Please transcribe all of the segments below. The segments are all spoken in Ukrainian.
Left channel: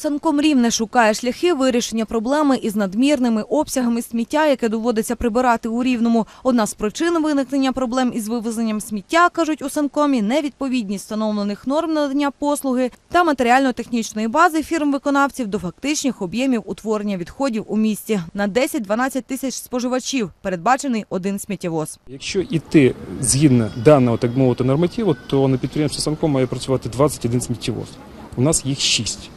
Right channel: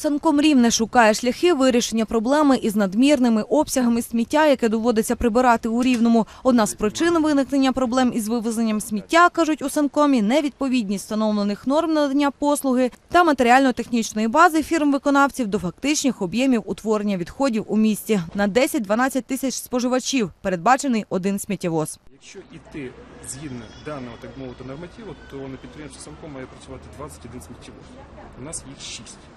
Санком Рівне шукає шляхи вирішення проблеми із надмірними обсягами сміття, яке доводиться прибирати у Рівному. Одна з причин виникнення проблем із вивезенням сміття, кажуть у Санкомі, невідповідність встановлених норм надання послуги та матеріально-технічної бази фірм-виконавців до фактичних об'ємів утворення відходів у місті. На 10-12 тисяч споживачів передбачений один сміттєвоз. Якщо йти згідно даного так мовити нормативу, то на підприємстві Санком має працювати 21 сміттєвоз. У нас їх 6.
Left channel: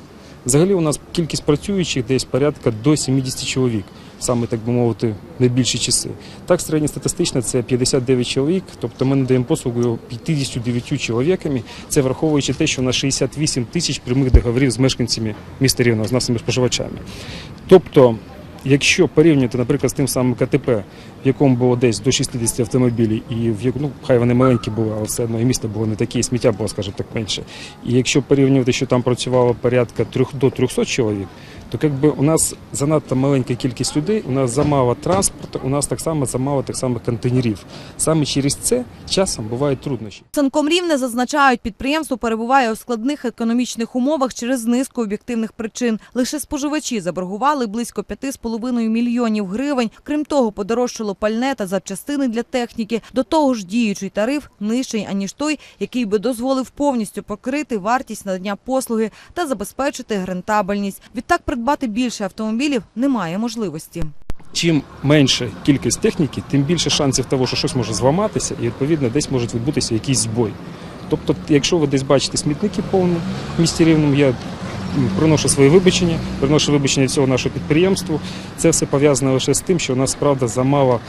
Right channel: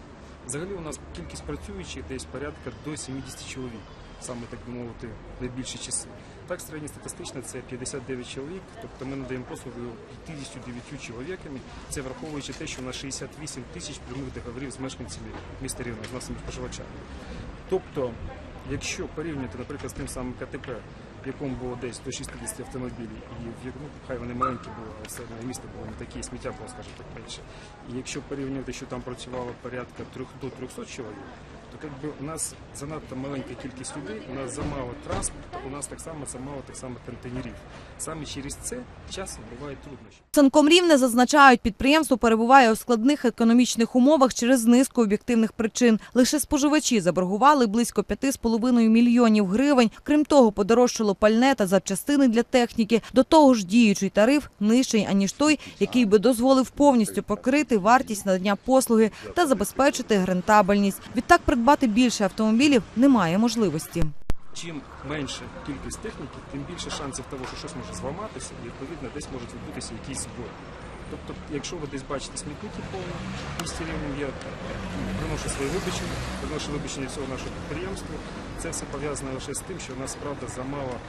Взагалі у нас кількість працюючих десь порядка до 70 чоловік, саме так би мовити, найбільші часи. Так, середньостатистично це 59 чоловік, тобто ми надаємо послугу 59 чоловіками. Це враховуючи те, що у нас 68 тисяч прямих договорів з мешканцями міста Рівного, з нашими споживачами. Тобто, якщо порівняти, наприклад, з тим самим КТП, в якому було десь до 60 автомобілів, і в ну, хай вони маленькі були, але все одно і місто було не таке, і сміття було, скажімо так, менше. І якщо порівнювати, що там працювало порядка 3 до 300 чоловік, то якби у нас занадто маленька кількість людей, у нас замало транспорту, у нас так само замало так само контейнерів. Саме через це часом бувають труднощі. Санком Рівне зазначають, підприємство перебуває у складних економічних умовах через низку об'єктивних причин. Лише споживачі заборгували близько 5,5 мільйонів гривень. Крім того, подорожчало пальне та запчастини для техніки. До того ж, діючий тариф нижчий, аніж той, який би дозволив повністю покрити вартість надання послуги та забезпечити рентабельність. Відтак придбати більше автомобілів немає можливості. Чим менша кількість техніки, тим більше шансів того, що щось може зламатися, і відповідно десь може відбутися якийсь збой. Тобто, якщо ви десь бачите смітники повні в місті рівному, я приношу свої вибачення, приношу вибачення цього нашого підприємству. Це все пов'язано лише з тим, що у нас правда замало,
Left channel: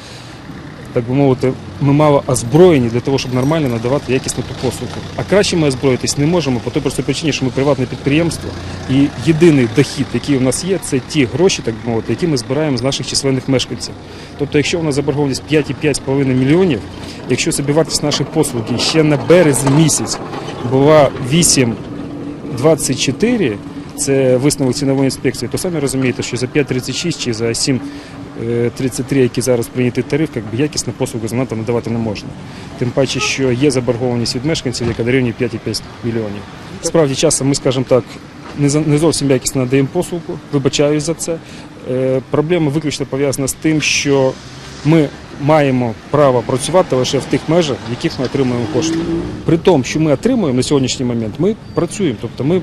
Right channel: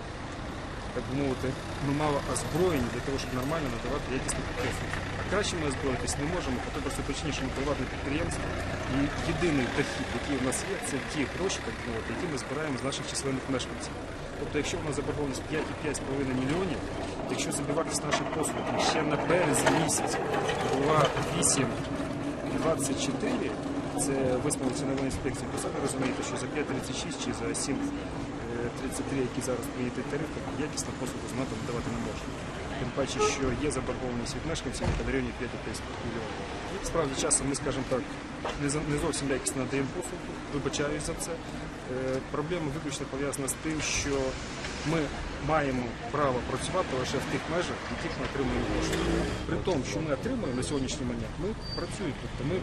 так би мовити, ми мало озброєні для того, щоб нормально надавати якісну ту послугу. А краще ми озброїтись не можемо по той простій причині, що ми приватне підприємство, і єдиний дохід, який у нас є, це ті гроші, так би мовити, які ми збираємо з наших численних мешканців. Тобто, якщо у нас заборгованість 5,5,5 мільйонів, якщо собівартість нашої послуги ще на березень місяць була 8,24, це висновок цінової інспекції, то самі розумієте, що за 5,36 чи за 7,33, який зараз прийнятий тариф, якби якісну послугу занадто надавати не можна. Тим паче, що є заборгованість від мешканців, яка дорівнює 5,5 мільйонів. Справді часом ми, скажімо так, не зовсім якісно надаємо послугу, вибачаюсь за це. Е, Проблема виключно пов'язана з тим, що ми маємо право працювати лише в тих межах, в яких ми отримуємо кошти. При тому, що ми отримуємо на сьогоднішній момент, ми працюємо, тобто ми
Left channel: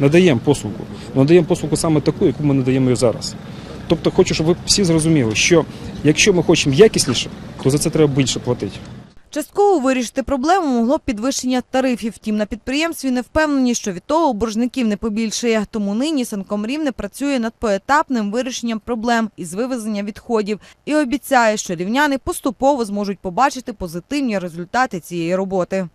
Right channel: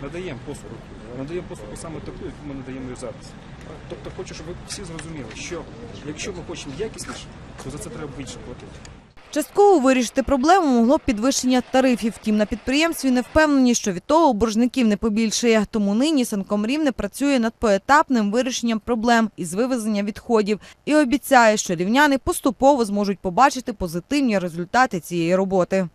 надаємо послугу. Надаємо послугу саме таку, яку ми надаємо зараз. Тобто хочу, щоб ви всі зрозуміли, що якщо ми хочемо якісніше, то за це треба більше платити. Частково вирішити проблему могло б підвищення тарифів. Втім, на підприємстві не впевнені, що від того боржників не побільшає. Тому нині Санком Рівне працює над поетапним вирішенням проблем із вивезення відходів і обіцяє, що рівняни поступово зможуть побачити позитивні результати цієї роботи.